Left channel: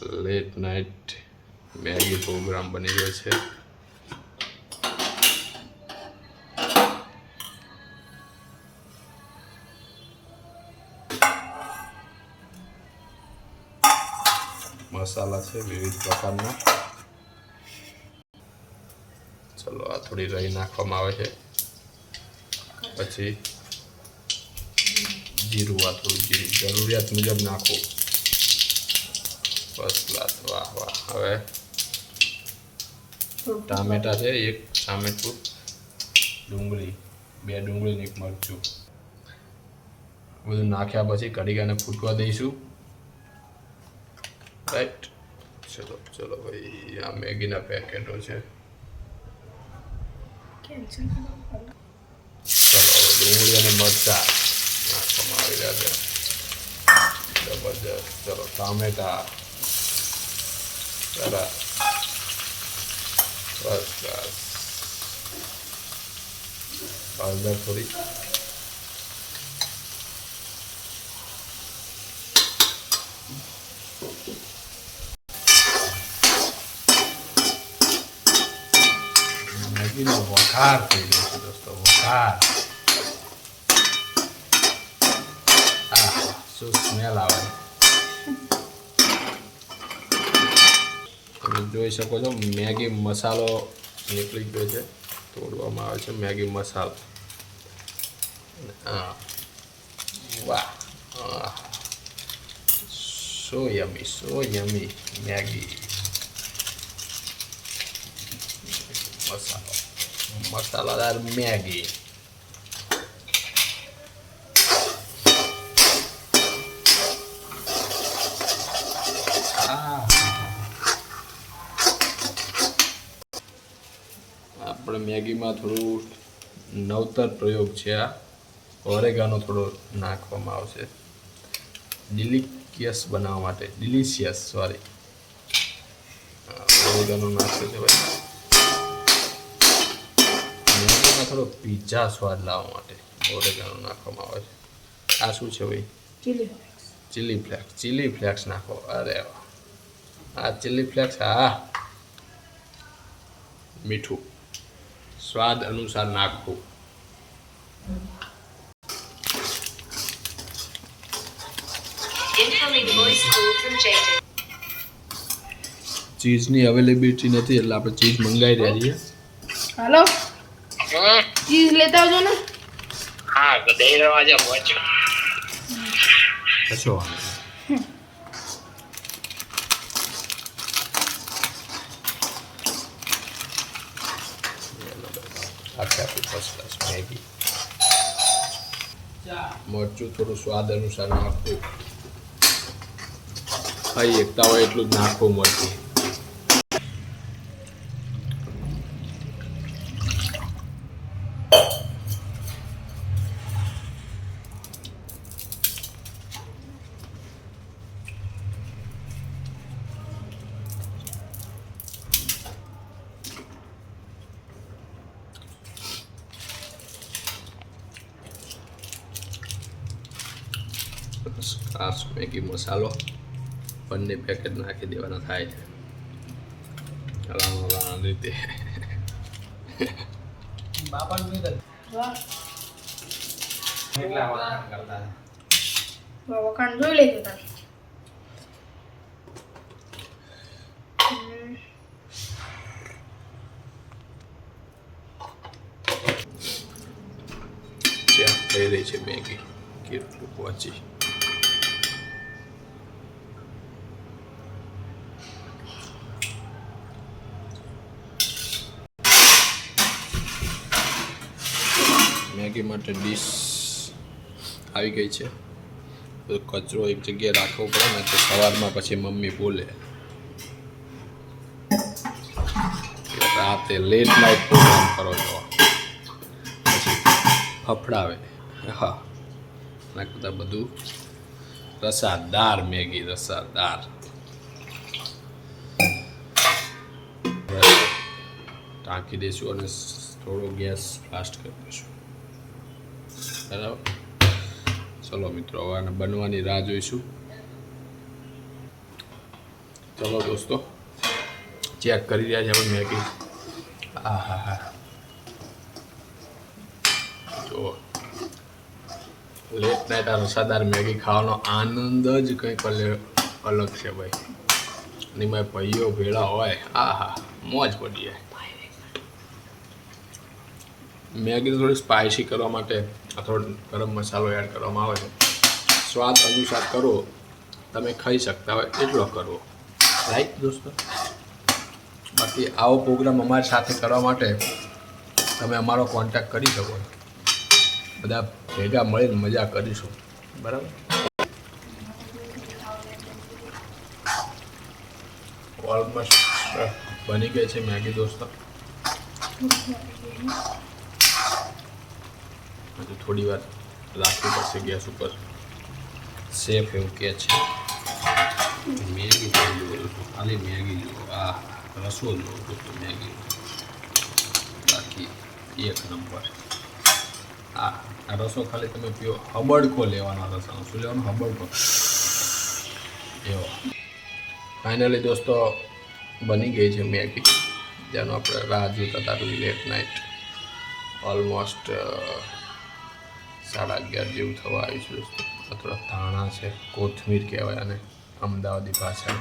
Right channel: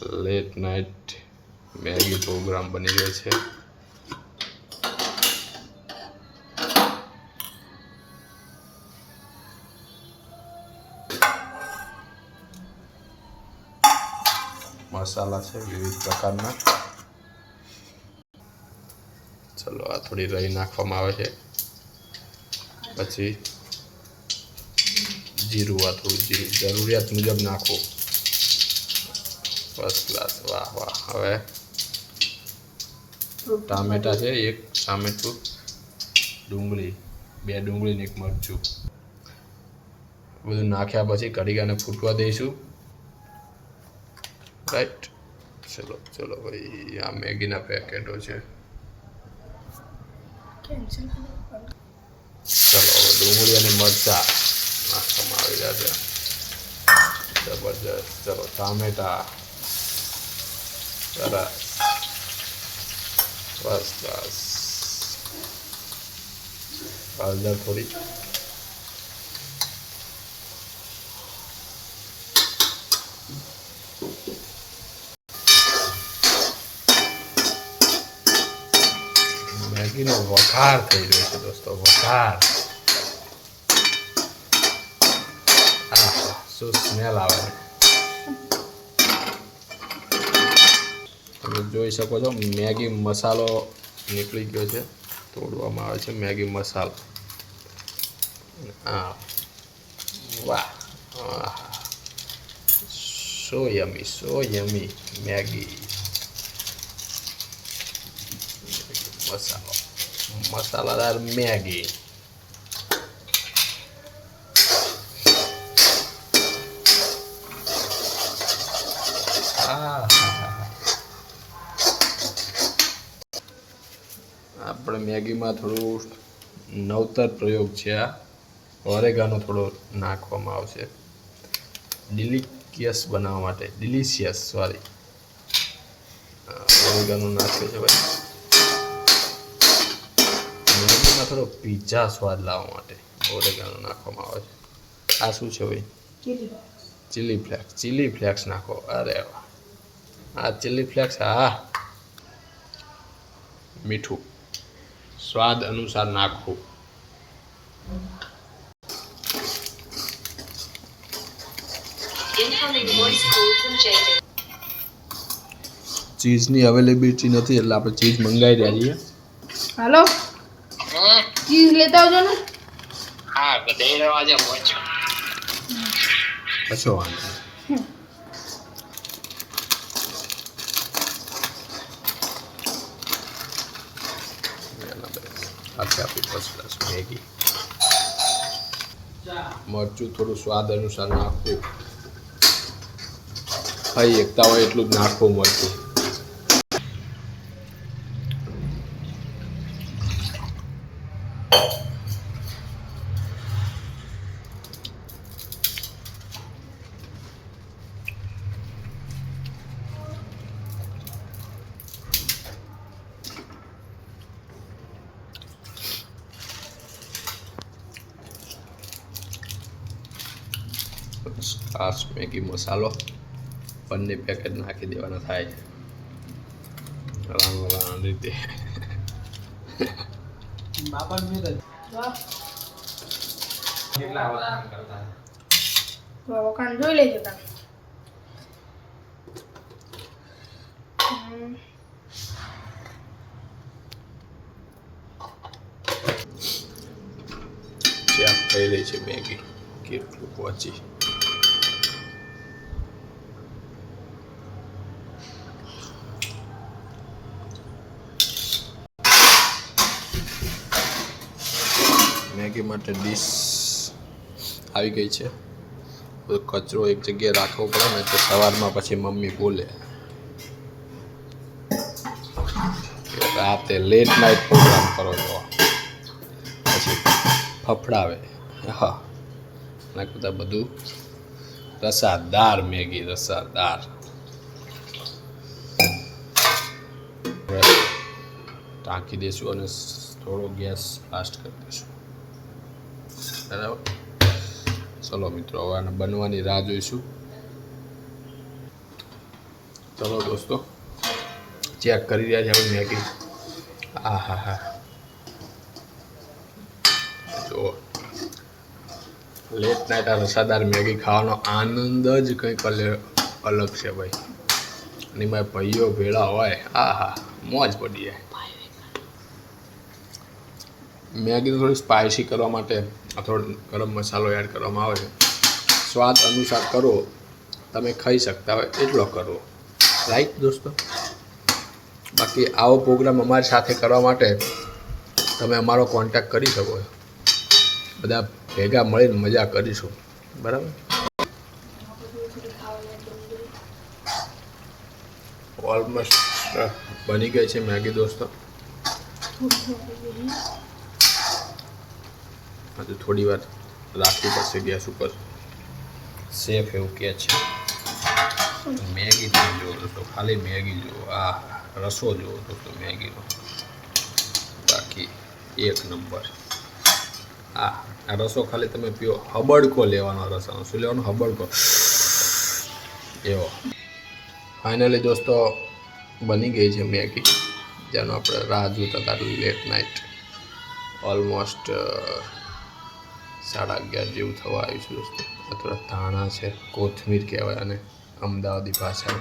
Late night Maggi programme બની રહ્યો છે. મસાલા છે વિવિધ પ્રકારના. ચલો આ થોડી રહી નાખવામાં આવે છે, પછી જીરું, આ થોડું જીરું જરૂરિયાત મુજબ નાખો. ફર્સ્ટ ક્લાસ, વાહ વાહ. હવે ટામેટા છે, એક ટામેટું, ડુંગળી, 2 ડુંગળી ને 1 મરચું. બધું નાખ્યા પછી કઢીને ફૂટવા દઈશું. રાઈટ. ચલો ચલો ભાઈ, આ મેગીના પેકેટો છે. ચલો હવે ડુંગળી અને મરચા નાખવામાં આવી રહ્યા છે. જબરજસ્ત. ચલો ટામેટા, સરસ, ફર્સ્ટ ક્લાસ. હળદર થોડી, મેગીનો વઘાર થઈ રહ્યો છે દોસ્તો, વઘાર. હા, શું સ્મેલ આવે. તમે જોઈ શકો છો મેગી મસાલો નીકળી ગયો છે, તોડવામાં આવે છે મેગી મસાલો. હા, વાહ, સો યમી મેગી મસાલો, મસાલાદાર મેગી. આપણે મેગીમાં થોડું નવતર પ્રયોગ છે. આ ઓરેગાનો થોડો નાખવામાં આવશે ડિલિશિયસ બનાવવા માટે. ડિલિશિયસ, સોરી, ઓરેગાનો નાખ્યો છે ભાઈ મેગીમાં થોડો પિઝા સ્વાદ લાવવા માટે. ઓરેગાનો નાખવામાં આવે છે. આ શું છે ભાઈ? Chilli flakes. ચીલી ફ્લેક્સ નાખો. અરે વાહ, આ ચીલી ફ્લેક્સ. હા, મીઠું સ્વાદ અનુસાર નાખવું. ચીઝની અવેલેબિલિટી નથી એટલે આપણે ચીઝ મંગાવી રહ્યા છીએ. હાલો, ચીઝ લેતા આવજો ને. હા, દઈ રવા જો પહોંચો. કશો વાંધો નહીં. આખી આપણી ફર્સ્ટ ક્લાસ મેગી. મરચું થોડું સ્વાદ અનુસાર નાખવું. ખાઈ એકતા હોય એટલું જ નાખવું મરચું. ખાસ મેગી મસાલો બંને પેકેટ નાખી દેવાના થાય છે રાણા રીતે. વખાણ જોઈ લેજો તમે. ચેક થઈ રહી છે મેગી કેટલું પહોંચી. મેગી માટે ડીશ આવી ગઈ છે. બધો કચરો એક જગ્યાએ રાખવો પડે ને તો સવારમાં પછી મમ્મી બોલે કે રાતે લેટ નાઇટ પ્રોગ્રામ કરો છો, પછી ફફડાવે. હા, એના કરતાં બધું રસાદાર મેગી, રસાદાર. ટાંકી દઈશું અને થોડો ગેસ ફાસ્ટ કરી દઈશું. બરાબર. ચલો મિત્રો, હવે આને બનવાની રાહ જોઈશું. ચલો દોસ્તો ચેક કરી રહ્યા છે આપણે મેગી. હા હા હા જો લેટ નાઇટ આ રસાદાર મેગી ખાવાનો આનંદ જ કંઈક અલગ છે ભાઈ. અને એમાં ભાઈઓ ભેળા હોય આ હા મોજ પડી જાય. મેગી થોડી સ્પાઇસી કરવા માટે થોડો ગરમ મસાલો એડ કરવામાં આવે છે. સ્વાદ અનુસાર કરો, તમે ખાઈ શકતા હોય એટલો કરવો, રાઈટ દોસ્તો. બાકી આવો પ્રોગ્રામ અમારી સાથે કરવા માટે તમે અમારો કોન્ટેક્ટ કરી શકો. બધા ભેગા મળીને મજા કરીશું, બરાબર. ઓલમોસ્ટ બની ગઈ છે મેગી દોસ્તો. હજુ થોડી વાર રાખવી પડશે ગેસ ઉપર. સેફ એવું કહે છે. મેગી તો જુઓ દોસ્તો, ખાલી મેગી જુઓ, આ રસો જુઓ દોસ્તો મેગીનો, બાકી એક નંબર. આ રસો ખાલી તમે પીઓ, હબડકો લેવાનો રસાનો. શું લેવાનો? હબડકો. એવો ફાઇનલી દોસ્તો બની ગઈ છે મેગી, જેનો આપણે રાહ જોતા હતા લેટ નાઇટ. ઓલમોસ્ટ 11:30 જેવું થવા આવ્યું છે દોસ્તો. આ થોડા ધાણા છે, કોથમીર કહેવાય અને અમદાવાદી ભાષા.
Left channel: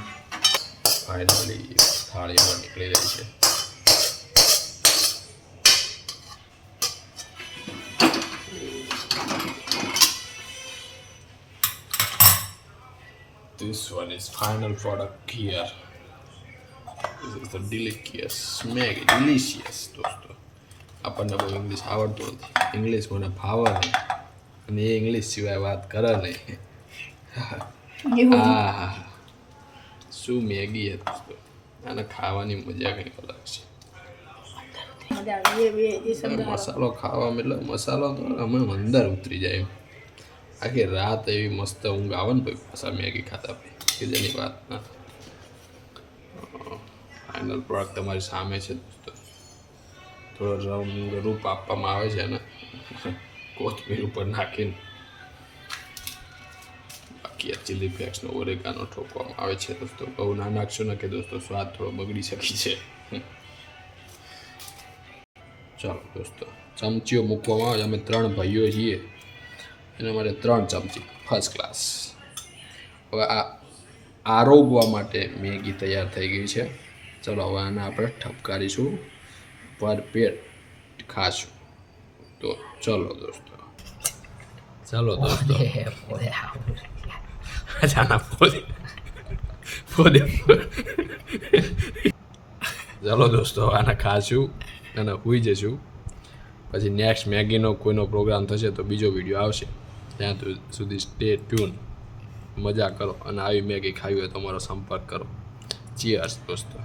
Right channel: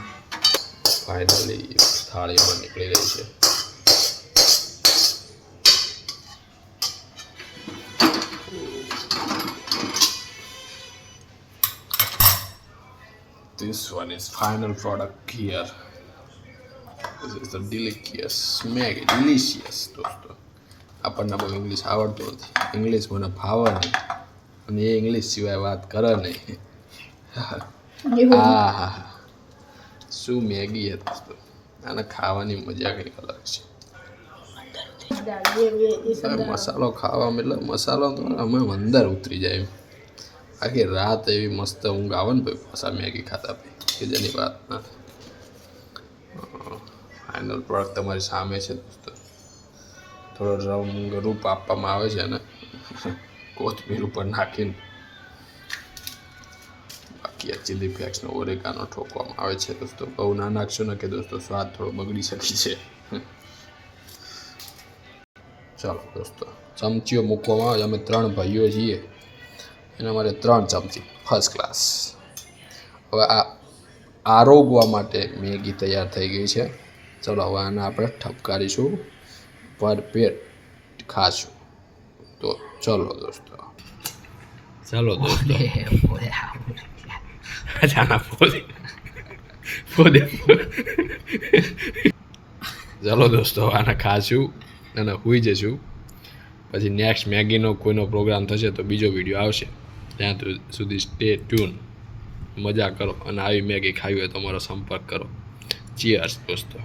ફાઇનલી થાળીમાં નીકળી રહી છે. This one is final product here. This is the delicious Maggi, delicious દોસ્તો. આપણને બહુ ઇંગ્લિશ આવડતું નથી, ઇંગ્લિશ મને ફાવે નહીં, અને એ ઇંગ્લિશ સિવાય વાત કરે નહીં. હા હા શું મેગી છે દોસ્તો, આને ખાવાની મજા કંઈક અલગ છે. મસાલો ખાવામાં એટલે મસાલો તો અમે અંદર ઉતરી જાય એમ. આખી રાત એવી મસ્ત ઊંઘ આવે ને ભાઈ પાછા મેગી ખાતા ભાઈ, કે જેની વાત ના. ફાઇનલ પ્રોડક્ટ તમારી સામે છે દોસ્તો. થોડો રંગ રૂપ આપવામાં આવે છે ને કોથમીર ઉપર નાખીને. બાકી આ ચીલી ફ્લેક્સનો ઓરેગાનો ઠોકવામાં આવે છે દોસ્તો. બહુ ના નાખશો ને કે દોસ્તો સ્વાદ થોડો બગડી શકે છે. ચાલો દોસ્તો ચમચીઓ મૂકવામાં આવે. અમે 3 ભાઈઓ છીએ, એના માટે 3 ચમચી ફર્સ્ટ ક્લાસ. હવે આ આરોગવા માટે મેગી તૈયાર થઈ ગઈ છે. ચલો હવે આને આપણે ઠપકારીશું, ભરપેટ ખાશું. તો ચલો દોસ્તો, ચલો દોસ્તો. ચલો દોસ્તો આને ખાશું અને સૂઈ જશું. પછી નેક્સ્ટ મેગીનો કોઈનો પ્રોગ્રામ થશે તો બીજો વિડીયો આવશે. ત્યાં સુધી સ્ટે ટ્યુન. મજા કરો અને આવી મેગી ખાવી હોય તો અમારો સંપર્ક કરો. ચીયર્સ દોસ્તો.